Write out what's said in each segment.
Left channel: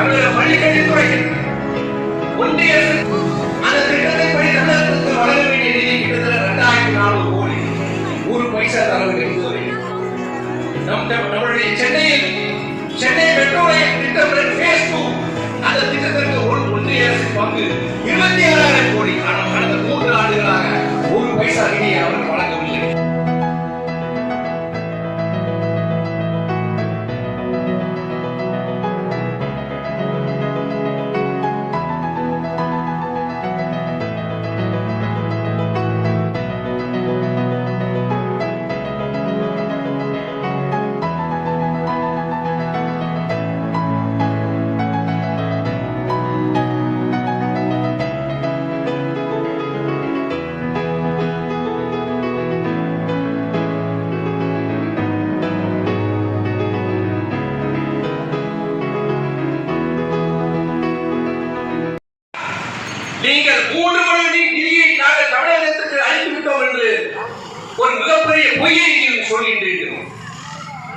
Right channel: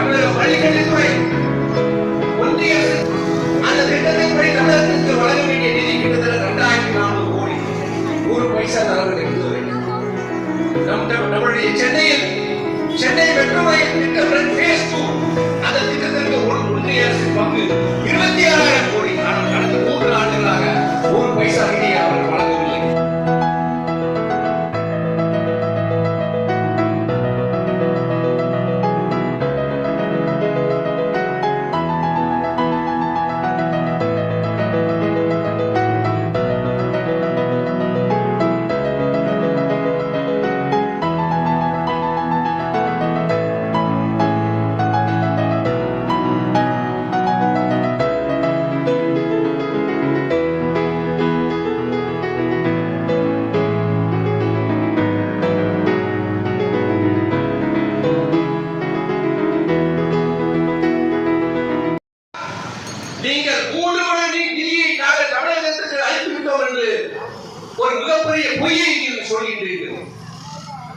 தமிழக பள்ளிக்கல்வித்துறை ஒன்றிய அரசு அந்த திட்டத்தின்படி தமிழகத்திற்கு வழங்க வேண்டிய நிதி கிட்டத்தட்ட இரண்டாயிரத்தி நானூறு கோடி. ஒரு பைசா தரவில்லை இதுவரை நம் நம்முடைய சென்னையில் சென்னை மெட்ரோ ரயில் திட்டம் அந்த திட்டத்திற்கு ஒன்றிய அரசு பங்கு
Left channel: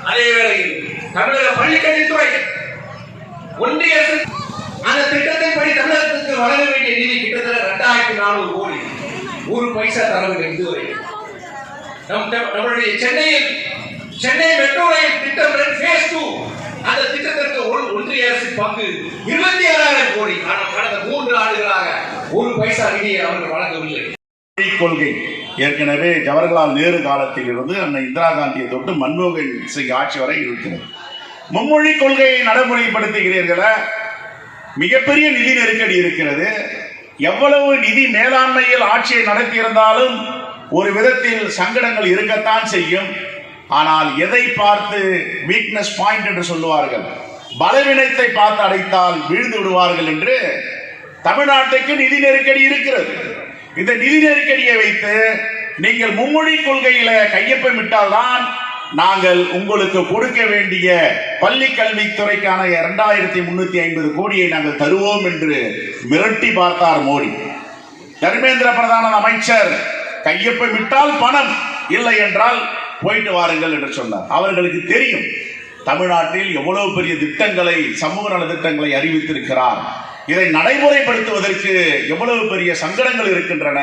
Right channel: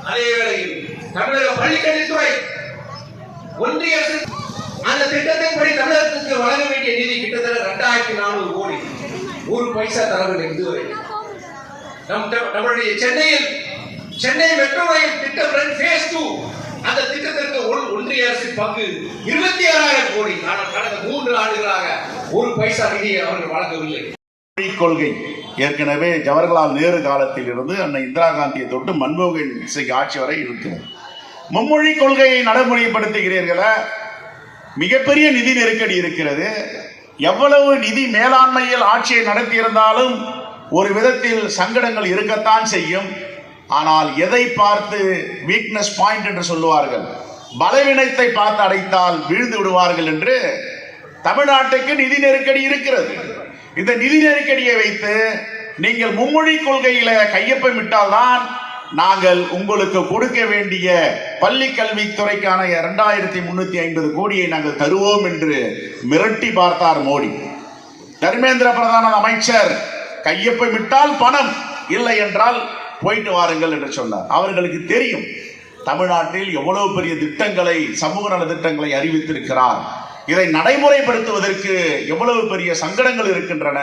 அதே வேளையில் தமிழக பள்ளிக்கல்வித்துறை ஒன்றிய அரசு அந்த திட்டத்தின்படி தமிழகத்திற்கு வழங்க வேண்டிய நிதி கிட்டத்தட்ட இரண்டாயிரத்தி நானூறு கோடி ஒரு பைசா தரவில்லை இதுவரை. நம் நம்மளுடைய நம்முடைய சென்னையில் சென்னை மெட்ரோ ரயில் திட்டம் ஃபேஸ் டூ அந்த திட்டத்திற்கு ஒன்றிய அரசு பங்கு இருபத்தி ஆறாயிரம் கோடி. ஆனால் கடந்த மூன்று ஆண்டுகளாக ஒரு பைசா நிதியை அவர்கள் வழங்கவில்லை. கொள்கை. ஏற்கனவே ஜவஹர்லால் நேரு காலத்தில் இருந்து அன்னை இந்திரா காந்தியை தொட்டு மன்மோகன் சிங் ஆட்சி வரை இருக்கிறது. மும்மொழி கொள்கையை நடைமுறைப்படுத்துகிறீர்களா மிகப்பெரிய நிதி நெருக்கடி இருக்கிறது. எவ்வளவு நிதி மேலாண்மையில் ஆட்சியை நடத்தியிருந்தாலும் ஒரு விதத்தில் சங்கடங்கள் இருக்கத்தான் செய்யும். ஆனால் எதை பார்த்து வீக்னஸ் பாயிண்ட் என்று சொல்லுவார்கள்? பலவீனத்தை பார்த்து அடைத்தால் வீழ்ந்து விடுவார்கள் என்று தமிழ்நாட்டுக்கு நிதி நெருக்கடி இருக்கிறது. இந்த நிதி நெருக்கடியை வைத்து நீங்கள் மும்மொழி கொள்கையில கையொப்பமிட்டால்தான் நாங்கள் உங்களுக்கு கொடுக்க வேண்டிய பள்ளி கல்வித்துறைக்கான இரண்டாயிரத்தி முன்னூத்தி ஐம்பது கோடியை நாங்கள் தருவோம் என்று மிரட்டி பார்த்தார் மோடி. தர்மேந்திர பிரதான அமைச்சர் கையொப்பமிட்டால் பணம் இல்லை என்றால் போயிட்டு வாருங்கள் என்று சொன்னார். அவர்களுக்கு தெரியும் தமிழ்நாட்டில் எவ்வளவு பெரிய திட்டங்களை சமூக நல திட்டங்களை அறிவித்திருக்கிறார். இதை நடைமுறைப்படுத்துவதற்கு எவ்வளவு பெரிய சங்கடங்கள் இருக்கின்றன.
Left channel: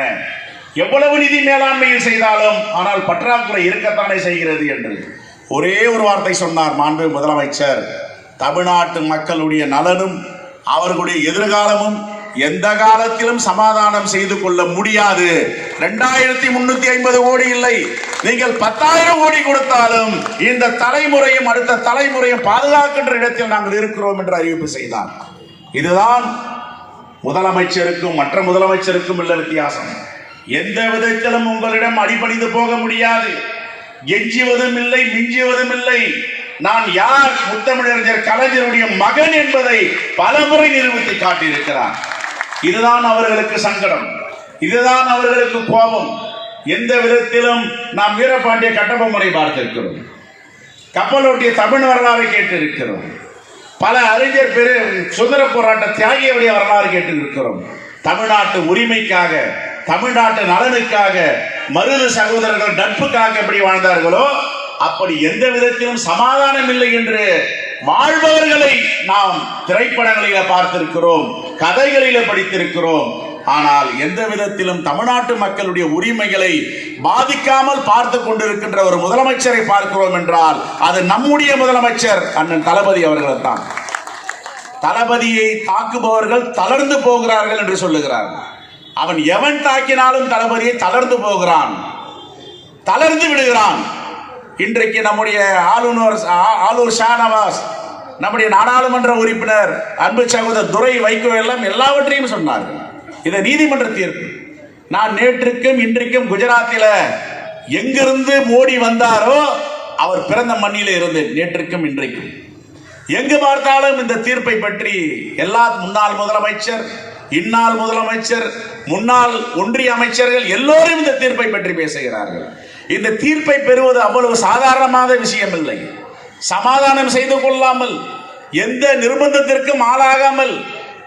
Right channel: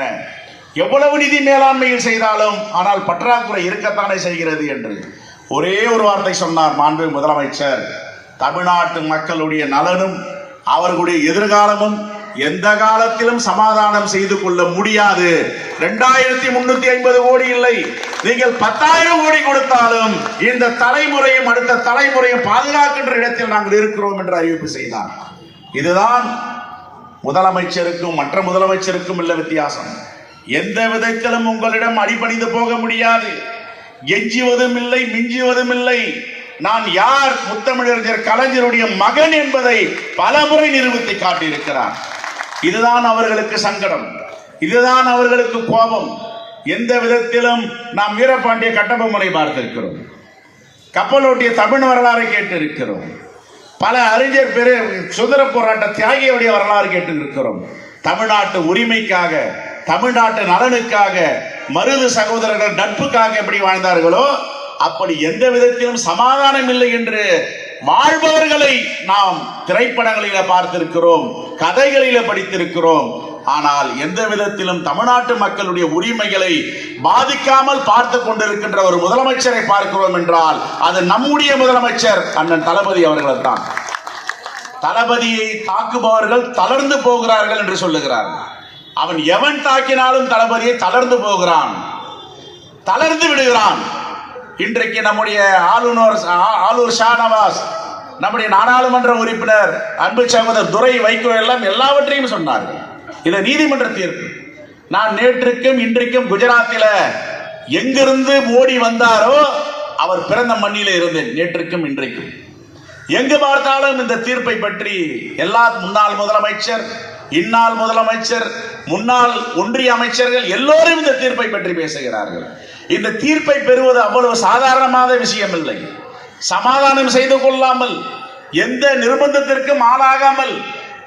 எவ்வளவு நிதி மேலாண்மையில் செய்தாலும் ஆனால் பற்றாக்குறை இருக்கத்தானே செய்கிறது என்று. ஒரே ஒரு வார்த்தை சொன்னார் மாண்பு முதலமைச்சர். தமிழ்நாட்டு மக்களுடைய நலனும் அவர்களுடைய எதிர்காலமும் எந்த காலத்திலும் சமாதானம் செய்து கொள்ள முடியாது. இரண்டாயிரத்தி முன்னூத்தி ஐம்பது கோடி இல்லை. நீங்கள் பத்தாயிரம் கோடி கொடுத்தாலும் இந்த தலைமுறையும் அடுத்த தலைமுறையும் பாதுகாக்கின்ற இடத்தில் நாங்கள் இருக்கிறோம் என்று அறிவிப்பு செய்தார். இதுதான் முதலமைச்சருக்கும் மற்ற முதலமைச்சருக்கும் உள்ள வித்தியாசம். எந்த விதத்திலும் உங்களிடம் அடிபணிந்து போக முடியாது. எஞ்சுவதும் இல்லை மிஞ்சுவதும் இல்லை. நான் யார் முத்தமிழறிஞர் கலைஞருடைய மகன் என்பதை பலமுறை நிரூபித்து காட்டியிருக்கிறார் இதுதான் அவர்களுக்கு சங்கடம். இதுதான் அவர்களுக்கு கோபம். எந்த விதத்திலும் நாம் வீரபாண்டிய கட்டபொம்மனை பார்த்திருக்கிறோம். கப்பலோட்டிய தமிழ் வரலாறு கேட்டிருக்கிறோம். பல அறிஞர் பெரு சுதந்திர போராட்ட தியாகியுடைய வரலாறு கேட்டிருக்கிறோம். தமிழ்நாட்டு உரிமைக்காக தமிழ்நாட்டு நலனுக்காக மருது சகோதரர்கள் நட்புக்காக எப்படி வாழ்ந்தார்களோ அப்படி எந்த விதத்திலும் சமாதானம் இல்லை என்று வாழ்பவர்களை நாம் திரைப்படங்களில பார்த்திருக்கிறோம் கதைகளில படித்திருக்கிறோம் ஆனால் எந்த விதத்திலும் தமிழ்நாட்டு மக்களுடைய உரிமைகளை பாதிக்காமல் பார்த்து கொண்டிருக்கின்ற ஒரு முதலமைச்சரை பார்க்கிறோம் என்றால் அது நம்முடைய முதலமைச்சர் அண்ணன் தளபதி அவர்கள் தான். தளபதியை தாக்குபவர்கள் தளர்ந்து போகிறார்கள் என்று சொல்லுகிறார். அவன் எவன் தாக்கினாலும் தளபதியை தளர்ந்து போகிறான். தளர்ந்து விடுகிறான். இன்றைக்கு நம்முடைய ஆளுநர் ஆளுநர் ஷானவாஸ் நம்முடைய நாடாளுமன்ற உறுப்பினர் அன்பு சகோதரர் துரை வைகோ எல்லாம் எல்லாவற்றையும் சொன்னார்கள். இது நீதிமன்ற தீர்ப்பு. நான் நேற்றுக்கும் இன்றைக்கும் குஜராத்தில எங்கிருந்து மோடி வந்தாரோ அவர் பிறந்த மண்ணிலே இருந்தேன் நேற்றுக்கும் இன்றைக்கும். எங்கு பார்த்தாலும் இந்த தீர்ப்பை பற்றி எல்லா முன்னாள் முதலமைச்சர் இந்நாள் முதலமைச்சர் முன்னாள் ஒன்றிய அமைச்சர்கள் எல்லோரும் இந்த தீர்ப்பை பற்றி பேசுகிறார்கள். இந்த தீர்ப்பை பெறுவது அவ்வளவு சாதாரணமான விஷயம் இல்லை சமாதானம் செய்து கொள்ளாமல் எந்த நிர்பந்தத்திற்கும் ஆளாகாமல்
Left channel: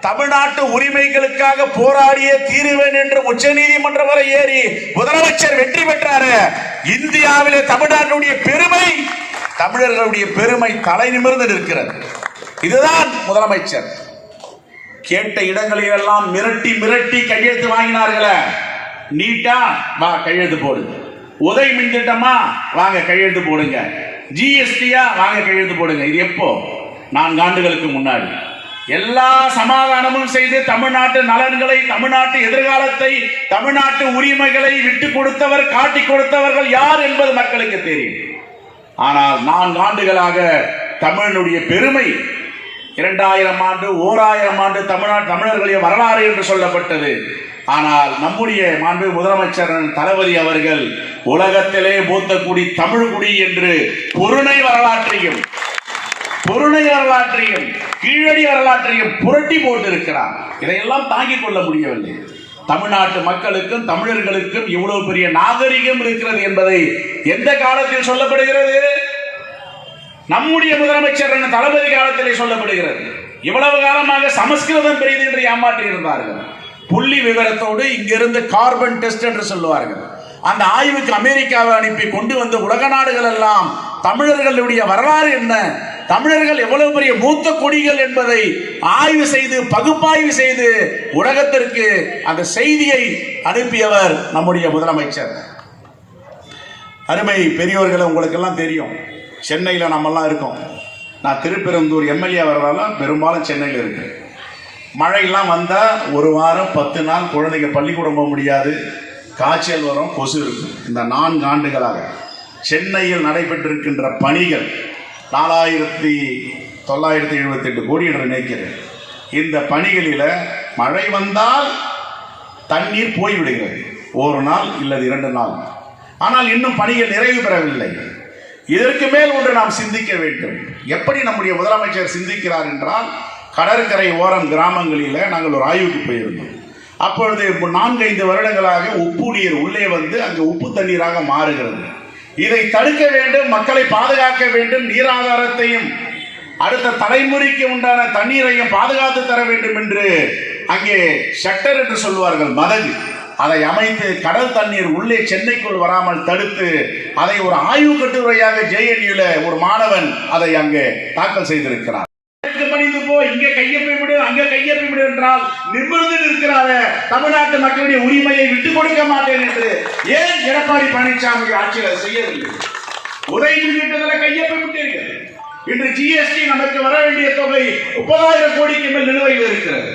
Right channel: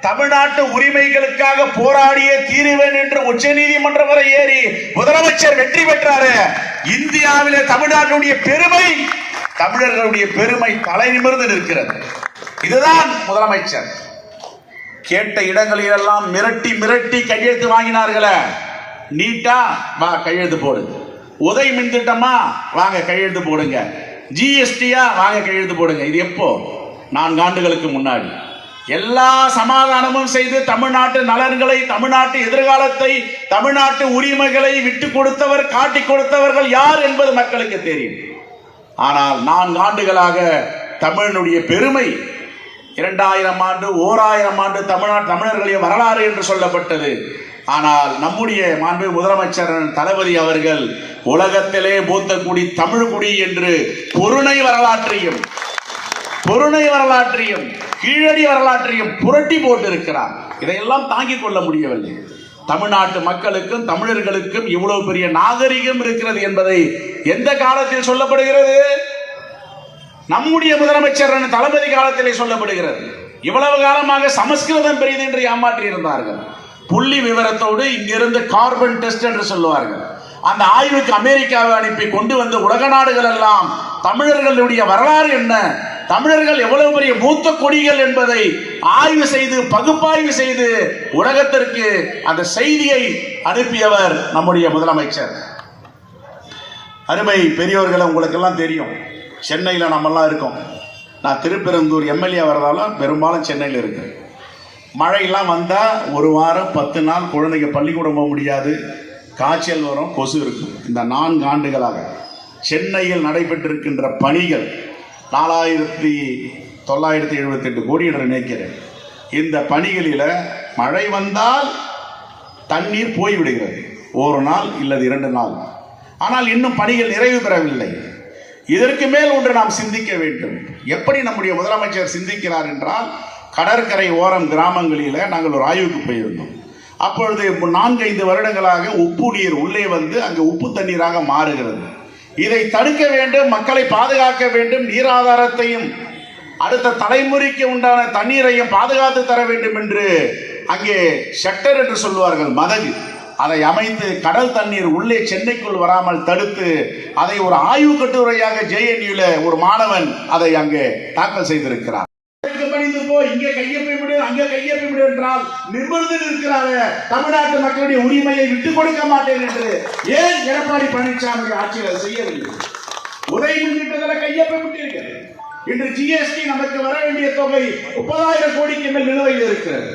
தமிழ்நாட்டு உரிமைகளுக்காக போராடிய தீருவேன் என்று உச்ச நீதிமன்றம் வரை ஏறி முதலமைச்சர் வெற்றி பெற்றாரு. இந்தியாவிலே தமிழ்நாட்டுடைய பெருமை தமிழர்களுடைய பெருமை தலை நிமிர்ந்து நிற்கிறது. இதுதான் முதலமைச்சர். கேட்ட இடங்களில் எல்லாம் மிரட்டி மிரட்டி கையெழுத்து வாங்கினார்களே. நீட்டா வா கையெழுத்து போடுங்க உதய் மின் திட்டமா வாங்க கையெழுத்து போடுங்க. ஜிஎஸ்டியா வாங்க கையெழுத்து போடுங்க. இது எப்போ? நான்கு ஆண்டுகளுக்கு முன்னாடி. எல்லா சமாதானமும் செய்து தமிழ்நாட்டு நலன்களை தமிழ்நாட்டு எதிர்காலத்தை தமிழ்நாட்டு உரிமைகளை விட்டு கொடுத்தவர் காட்டி கொடுத்தவர்கள் யார் என்பது மக்களுக்கு தெரியும். ஆனால் நான்கு ஆண்டுகளாக தமிழனுடைய பெருமை இரண்டாயிரம் ஆண்டு ஓராயிரம் ஆண்டு தமிழ்நாடு தமிழர்களுடைய வரலாறு என்று சொல்லப்பட்டது. ஆனால் நம்முடைய மாண்பு முதலமைச்சர் தளபதி அவர்கள் உலகத்திலே மூத்த குடி தமிழ் குடி என்று பொருணை வரலாற்றையும் பொருணை வரலாற்றையும் கீழடி வரலாற்றையும் புரட்டி போட்டிருக்கிறார். இதையெல்லாம் தாங்கிக் கொள்ள முடியவில்லை. தமிழ்நாட்டு மக்களுக்கும் தமிழர்களுக்கும் இவ்வளவு பெரிய நாகரிகம் இருக்கிறது என்பதை எந்த காலத்தில் சொல்லப்படுகிறது? நம்முடைய முதலமைச்சர் தளபதி காலத்திலே சொல்லப்படுகிறது. இவ்வளவு காலமாக சமஸ்கிருதம் பெரியது என்று ஏமாற்றி இருந்தார்கள். புள்ளி விவரத்தோடு இங்கிருந்து கார்பன் டெஸ்ட் என்று சொல்லுவார்கள். அந்த ஆய்வுக்கு அமெரிக்காவை அனுப்பி கொண்டு வந்த உலக நாடுகள் எல்லாம் தமிழர்களுடைய வரலாறு என்ன? தமிழர்கள் எவ்வளவு பெரிய மூத்த கொடிகள் என்பதை ஆய்வு செய்து பகுப்பாய்வு செய்து உலகத்திற்கு அந்த செய்தியை அனுப்பியவர் நம்முடைய முதலமைச்சர். அருமை பெரியோர்களை உங்களுக்கெல்லாம் தெரியும். சென்னையில் நம்மெல்லாம் இருக்கோம். நான் திருப்பெருந்தூர் எம்எல்ஏ வரதால பெரும்பாலும் சென்னையில் இருக்கேன். மழையெல்லாம் வந்தால் ஒரு வாரம் பத்து நாள் குழந்தைங்க பள்ளிக்கூடம் போக முடியாது. காய்ச்சல் வரும் கொசு இருக்கும். இந்த நான்கு ஆண்டுகளாக சென்னையில் நடைபெற்றிருக்கின்ற பணிகள் நாலாயிரத்தி தொள்ளாயிரத்தி எழுபத்தி எட்டு கோடி என்று நினைக்கிறேன். இந்த பணிகளில் மழை வந்தால் தண்ணீர் போய்விடுகிறது. ஒரு நாள் இல்லது இரண்டு நாள். ஆனால் இன்னும் பணிகள் நிறைவு பெறவில்லை. இதற்கு மேல் ஒன்று நாம் சிந்திக்க வேண்டும். எப்படி நம்முடைய முதலமைச்சர் சிந்திக்கிறார் என்றால் கடற்கரை ஓரம் கிராமங்களில் நாங்கள் ஒரு ஆய்வுக்கு போயிருந்தோம். அப்பொழுது நான்கு ஐந்து வருடங்களாக உப்பு நீர் உள்ளே வந்து அங்கே உப்பு தண்ணீராக மாறுகிறது. இதை தடுக்க வேண்டும் மக்களை பாதுகாக்க வேண்டும் நீராதாரத்தையும் அடுத்த தலைமுறைக்கு உண்டான தண்ணீரையும் பாதுகாத்து தர வேண்டும் என்று அங்கே செக்டர் என்று சொல்வார்கள் மதகு அதை அமைத்து கடல் தண்ணீர் உள்ளே சென்னைக்குள் வராமல் தடுத்து அதை ஒரு ஆய்வு கட்டுரையாக ஜேஎன்யூல ஒரு மாணவன் அதை அங்கே தாக்கல் செய்திருக்கிறார் இதற்கு பணிந்து போ இங்கே கையெப்பை விடு என்றால் நிமிர்ந்து நிற்கிறார. தமிழ்நாட்டு மக்களுடைய உரிமையை விட்டு கொடுக்க மாட்டேன் என்று ஏன் எடப்பாடி பழனிசாமி ஆட்சியில் செய்யவில்லை? உதவி முன்னிட்டதில் கையெப்பை விட்டிருக்கிறது இன்று ஜிஎஸ்டி நமக்கு வர வேண்டிய தொகை முப்பதாயிரம் கோடிக்கு மேல் நிலுவையில் இருக்கிறது.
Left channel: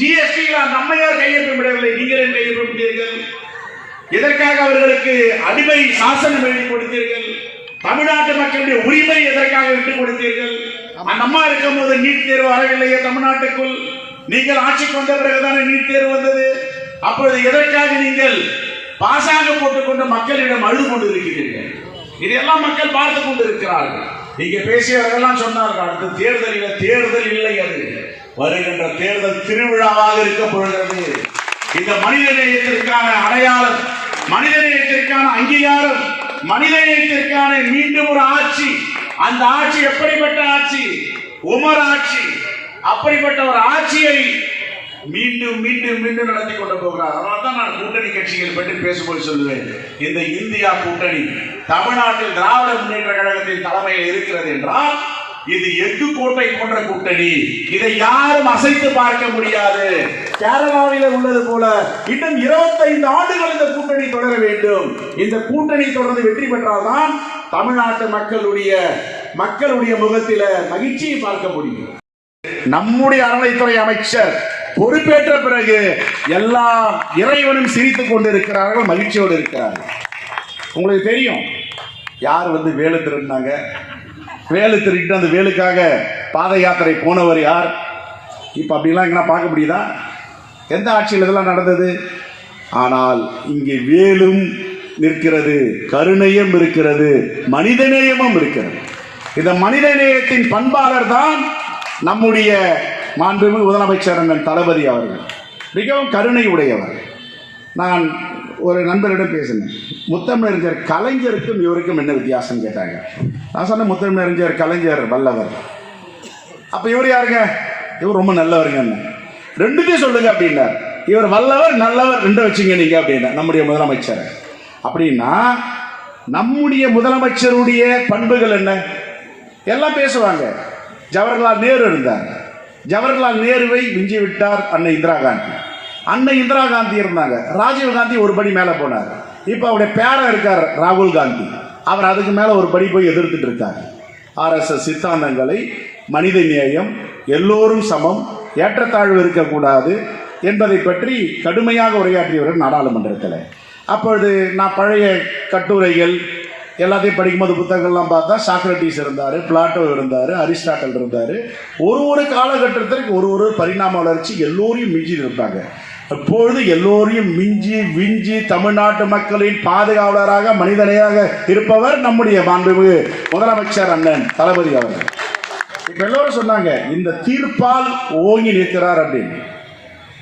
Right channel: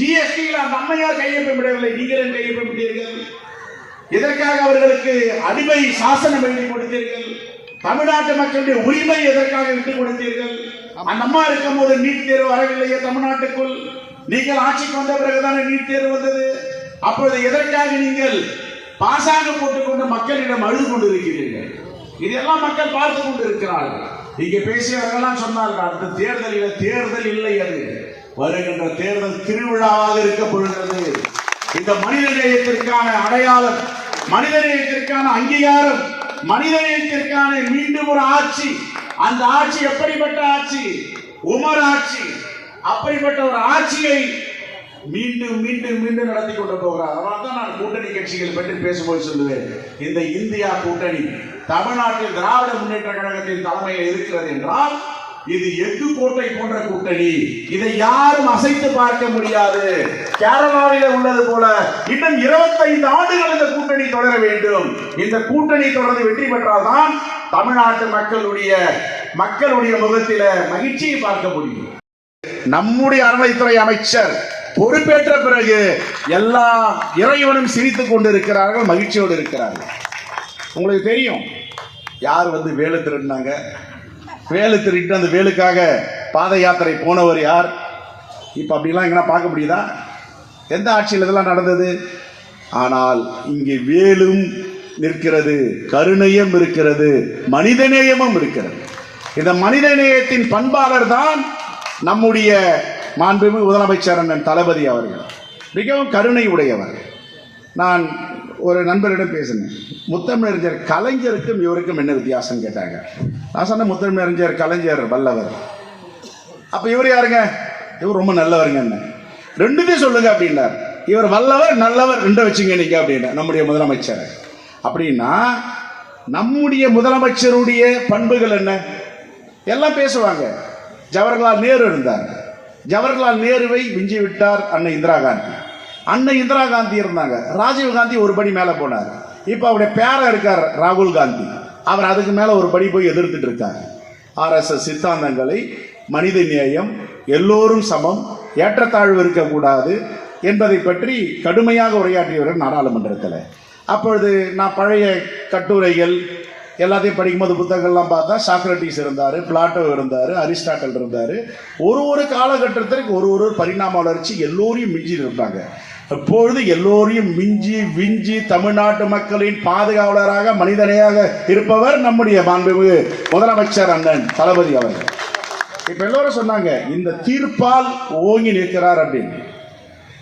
ஜிஎஸ்டியில் அந்த அம்மையார் கையெழுப்ப விடவில்லை. நீங்கள் ஏன் விட்டீர்கள்? இதற்காக அவர்களுக்கு அடிமை சாசனம் எழுதி கொடுத்தீர்கள்? தமிழ்நாட்டு மக்களுடைய உரிமை எதற்காக விட்டுக் கொடுத்தீர்கள்? அந்த அம்மா இருக்கும் போது நீட் தேர்வு வரவில்லையே தமிழ்நாட்டுக்குள். நீங்கள் ஆட்சி கொண்ட பிறகுதானே நீட் தேர்வு வந்தது? அப்பொழுது எதற்காக நீங்கள் பாசாங்க போட்டுக்கொண்டு மக்களிடம் அழுது கொண்டு இருக்கிறீர்கள் இதையெல்லாம் மக்கள் பார்த்து கொண்டு இருக்கிறார்கள் இங்கே பேசியவர்கள்லாம் சொன்னார்கள் அடுத்த தேர்தலில் தேர்தல் இல்லை அது. வருகின்ற தேர்தல் திருவிழாவாக இருக்க போகிறது. இந்த மனித நேயத்திற்கான அடையாளம் மனித நேயத்திற்கான அங்கீகாரம் மனித நேயத்திற்கான மீண்டும் ஒரு ஆட்சி. அந்த ஆட்சி எப்படிப்பட்ட ஆட்சி? உமர் ஆட்சி. அப்படிப்பட்ட ஒரு ஆட்சியை மீண்டும் மீண்டும் மீண்டும் நடத்தி கொண்டு போகிறார். அதனால தான் நான் கூட்டணி கட்சிகள் பற்றி பேசும்போது சொல்லுவேன். இந்த இந்தியா கூட்டணி தமிழ்நாட்டில் திராவிட முன்னேற்ற கழகத்தின் தலைமையில் இருக்கிறது என்றால் இது எஃகு கோட்டை போன்ற கூட்டணி. இதை யாரும் அசைத்து பார்க்க முடியாது. கேரளாவிலே உள்ளது போல இன்னும் 25 ஆண்டுகள் இந்த கூட்டணி தொடர வேண்டும். இந்த கூட்டணி தொடர்ந்து வெற்றி பெற்றால்தான் தமிழ்நாட்டு மக்களுடைய மக்களுடைய முகத்தில மகிழ்ச்சியை பார்க்க முடியும். நம்முடைய அறநிலைத்துறை அமைச்சர் பொறுப்பேற்ற பிறகு எல்லா இறைவனும் சிரித்துக் கொண்டிருக்கிறார்கள் மகிழ்ச்சியோடு இருக்கிறார்கள். உங்களுக்கு தெரியும் யார் வந்து வேலை திருந்தாங்க வேலு திருட்டு அந்த வேலுக்காக பாத யாத்திரை போனவர் யார்? இப்போ அப்படிலாம் எங்கன்னா பார்க்க முடியுதா? எந்த ஆட்சியில் இதெல்லாம் நடந்தது? ஆனால் இங்கே வேலும் நிற்கிறது கருணையும் இருக்கிறது மனிதநேயமும் இருக்கிறது. இந்த மனிதநேயத்தின் பண்பாளர் தான் நம்முடைய மாண்புமிகு முதலமைச்சர் அண்ணன் தளபதி அவர்கள். மிகவும் கருணை உடையவர் நான் ஒரு நண்பரிடம் பேசினேன். முத்தமிழறிஞர் கலைஞருக்கும் இவருக்கும் என்ன வித்தியாசம் கேட்டாங்க? நான் சொன்னேன் முத்தமிழறிஞர் கலைஞர் வல்லவர். அப்போ இவர் யாருங்க? இவர் ரொம்ப நல்லவருங்க ரெண்டுத்தையும் சொல்லுங்க அப்படின்னார். இவர் வல்லவர் நல்லவர் ரெண்டு வச்சுங்க நீங்க அப்படின்னா நம்முடைய முதலமைச்சர். அப்படின்னா நம்முடைய முதலமைச்சருடைய பண்புகள் என்ன? எல்லாம் பேசுவாங்க. ஜவஹர்லால் நேரு இருந்தார். ஜவஹர்லால் நேருவை மிஞ்சி விட்டார் அன்னை இந்திரா காந்தி. அன்னை இந்திரா காந்தி இருந்தாங்க. ராஜீவ் காந்தி ஒரு படி மேலே போனார். இப்போ அவருடைய பேரன் இருக்கார் ராகுல் காந்தி. அவர் அதுக்கு மேலே ஒரு படி போய் எதிர்த்துட்டு இருக்கார். ஆர்எஸ்எஸ் சித்தாந்தங்களை மனித நேயம் எல்லோரும் சமம் ஏற்றத்தாழ்வு இருக்கக்கூடாது என்பதை பற்றி கடுமையாக உரையாற்றியவர் நாடாளுமன்றத்தில். அப்பொழுது நான் பழைய கட்டுரைகள் எல்லாத்தையும் படிக்கும்போது புத்தகங்கள்லாம் பார்த்தா சாக்ரட்டிஸ் இருந்தார் பிளாட்டோ இருந்தார் அரிஸ்டாட்டல் இருந்தார். ஒரு ஒரு காலகட்டத்திற்கு ஒரு ஒரு பரிணாம வளர்ச்சி எல்லோரையும் மிஞ்சி இருப்பாங்க. இப்பொழுது எல்லோரையும் மிஞ்சி விஞ்சி தமிழ்நாட்டு மக்களின் பாதுகாவலராக மனிதனையாக இருப்பவர் நம்முடைய மாண்புமிகு முதலமைச்சர் அண்ணன் தளபதி அவர்கள். இப்ப எல்லோரும் சொன்னாங்க இந்த தீர்ப்பால் ஓங்கி நிற்கிறார் அப்படின்னு.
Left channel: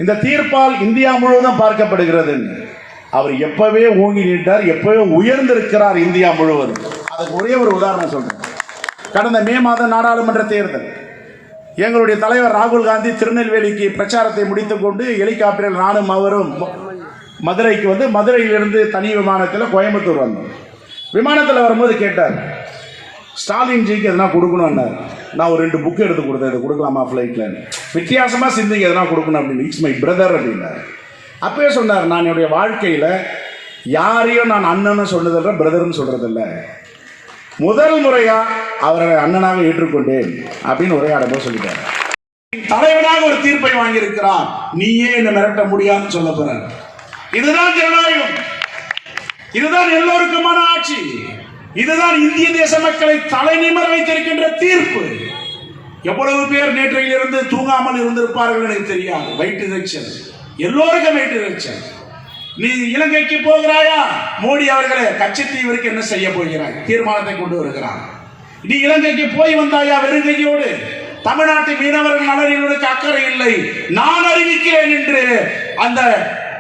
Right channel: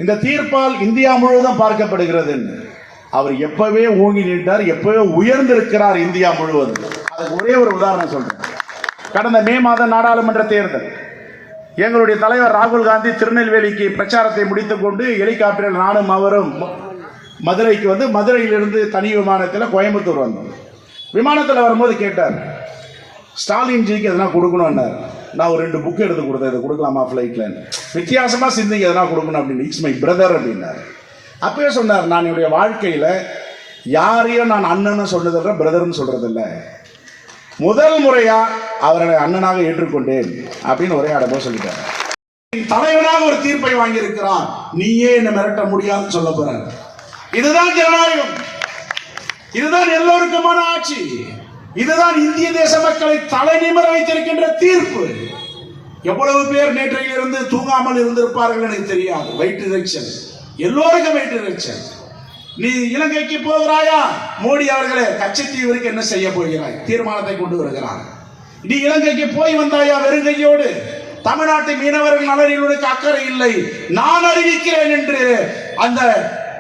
இந்த தீர்ப்பால் இந்தியா முழுவதும் பார்க்கப்படுகிறது அவர் எப்பவே ஓங்கி நின்றார் எப்பவே உயர்ந்திருக்கிறார் இந்தியா முழுவதும். அதுக்கு ஒரே ஒரு உதாரணம் சொல்றேன். கடந்த மே மாதம் நாடாளுமன்ற தேர்தல். எங்களுடைய தலைவர் ராகுல் காந்தி திருநெல்வேலிக்கு பிரச்சாரத்தை முடித்துக்கொண்டு ஹெலிகாப்டரில் நானும் அவரும் மதுரைக்கு வந்து மதுரையிலிருந்து தனி விமானத்தில் கோயம்புத்தூர் வந்தோம். விமானத்தில் வரும்போது கேட்டார் ஸ்டாலின்ஜிக்கு எதனா கொடுக்கணும்னார். நான் ஒரு ரெண்டு புக்கு எடுத்து கொடுத்தேன் இதை கொடுக்கலாமா ஃப்ளைட்டில் வித்தியாசமாக சிந்திங்க எதனா கொடுக்கணும் அப்படின்னு. இட்ஸ் மை பிரதர் அப்படின்னார். அப்பவே சொன்னார் நான் என்னுடைய வாழ்க்கையில் யாரையும் நான் அண்ணன்னு சொன்னதில்லை பிரதர்னு சொல்கிறதில்ல முதல் முறையா அவரை அண்ணனாக ஏற்றுக்கொண்டேன் அப்படின்னு உரையாடப்போ சொல்லிட்டார். தலைவனாக ஒரு தீர்ப்பை வாங்கியிருக்கிறான். நீயே என்னை மிரட்ட முடியாதுன்னு சொல்ல போறார். இதுதான் ஜனநாயகம். இதுதான் எல்லோருக்குமான ஆட்சி. இதுதான் இந்திய தேச மக்களை தலை நிமிர வைத்திருக்கின்ற தீர்ப்பு. எவ்வளவு பேர் நேற்றையில் இருந்து தூங்காமல் இருந்திருப்பார்கள் எனக்கு தெரியாது. வயிற்று இறைச்சல் எல்லோருக்கும் வயிற்று இறைச்சல் நீ இலங்கைக்கு போகிறாயா? மோடி அவர்களே கச்சத்தீவிற்கு என்ன செய்ய போகிறாய்? தீர்மானத்தை கொண்டு வருகிறார். நீ இலங்கைக்கு போய் வந்தாயா வெறுங்கையோடு? தமிழ்நாட்டு மீனவர்கள் நலனினுக்கு அக்கறை இல்லை. நான் அறிவிக்கிறேன் என்று அந்த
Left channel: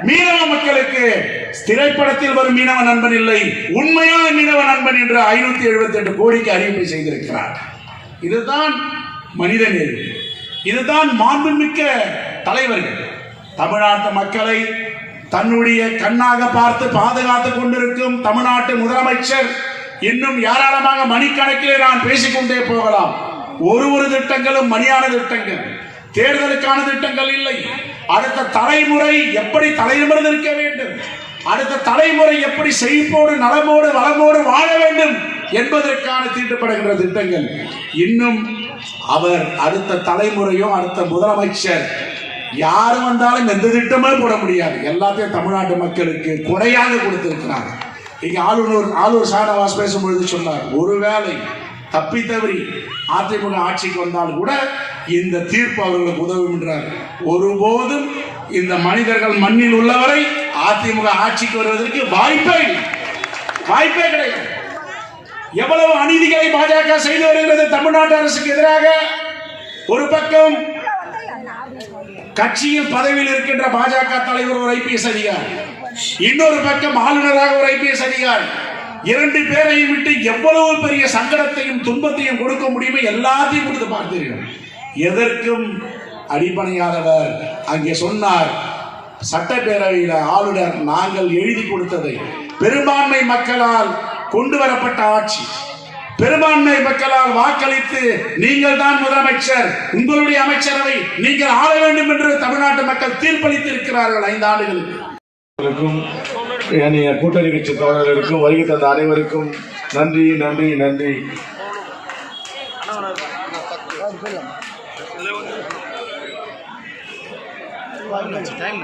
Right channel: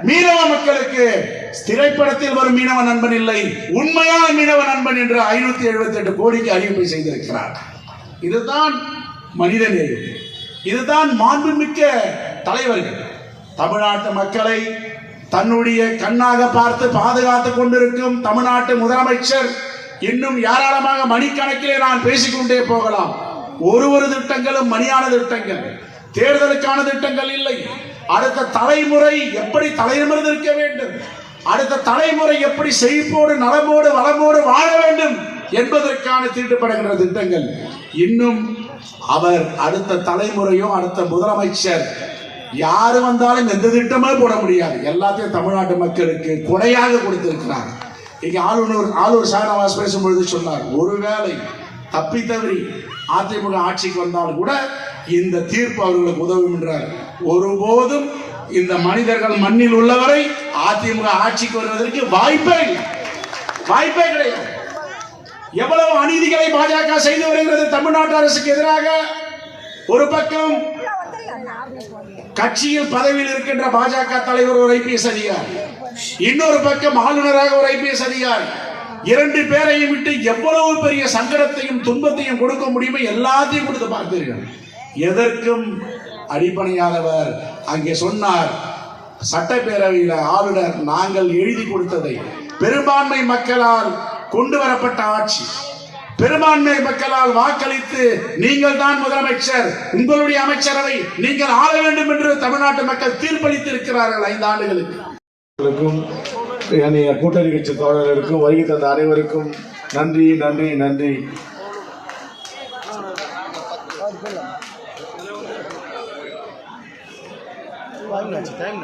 மீனவ மக்களுக்கு திரைப்படத்தில் வரும் மீனவ நண்பன் இல்லை. உண்மையான மீனவ நண்பன் என்று ஐநூத்தி எழுபத்தி எட்டு கோடிக்கு அறிவிப்பு செய்திருக்கிறார். இதுதான் மனித நேரு. இதுதான் மாண்புமிக்க தலைவர்கள். தமிழ்நாட்டு மக்களை தன்னுடைய கண்ணாக பார்த்து பாதுகாத்துக் கொண்டிருக்கும் தமிழ்நாட்டு முதலமைச்சர் இன்னும் ஏராளமாக மணிக்கணக்கிலே நான் பேசிக்கொண்டே போகலாம். ஒரு ஒரு திட்டங்களும் மணியான திட்டங்கள். தேர்தலுக்கான திட்டங்கள் இல்லை. அடுத்த தலைமுறை எப்படி தலைநிமிர்ந்து நிற்க வேண்டும்? அடுத்த தலைமுறை எப்படி செழிப்போடு நலமோடு வளமோடு வாழ வேண்டும் என்பதற்கான தீட்டுப்படுகின்ற திட்டங்கள். இன்னும் அவர் அடுத்த தலைமுறையும் அடுத்த முதலமைச்சர் யாரு வந்தாலும் எந்த திட்டமே போட முடியாது. எல்லாத்தையும் தமிழ்நாட்டு மக்களுக்கு கொடையாக கொடுத்திருக்கிறாங்க இங்க ஆளுநர் ஆளுநர் ஷானவாஸ் பேசும்பொழுது சொன்னார் ஒருவேளை தப்பி தவறி அதிமுக ஆட்சிக்கு வந்தாலும் கூட இந்த தீர்ப்பு அவர்களுக்கு உதவும் என்றார். ஒருபோதும் இந்த மனிதர்கள் மண்ணில் உள்ளவரை அதிமுக ஆட்சிக்கு வருவதற்கு வாய்ப்பே இல்லை. வாய்ப்பே கிடையாது. எவ்வளவு அநீதிகளை பாஜக செய்து வருகிறது தமிழ்நாட்டு அரசுக்கு எதிராக ஒரு பக்கம் கட்சியில் பதவியில் இருக்கின்ற பாஜக தலைவர் ஒரு ஐபிஎஸ் அதிகாரி. இன்னொரு பக்கம் ஆளுநராக ஒரு ஐபிஎஸ் அதிகாரி. இரண்டு பேரையும் விட்டு எவ்வளவு பெரிய சங்கடத்தையும் துன்பத்தையும் கொடுக்க முடியுமோ எல்லாத்தையும் கொடுத்து பார்த்தீர்கள் எதற்கும் அடிப்படையானவர் அங்கே சொன்னார் சட்டப்பேரவையில் ஆளுநர் நாங்கள் எழுதி கொடுத்ததை பெரும்பான்மை மக்களால் கொண்டு வரப்பட்ட ஆட்சி. பெரும்பான்மை மக்களால் வாக்களித்து நீங்கள் தான் முதலமைச்சர். உங்களுடைய அமைச்சரவை நீங்கள் ஆள வேண்டும் என்று தமிழ்நாட்டு மக்கள் தீர்ப்பளித்து இருக்கிறார்கள் ஐந்து ஆண்டுகளுக்கு. கூட்டணி கட்சி தோழர்களுக்கும் வருகை தந்த அனைவருக்கும் நன்றி நன்றி நன்றி. டைம்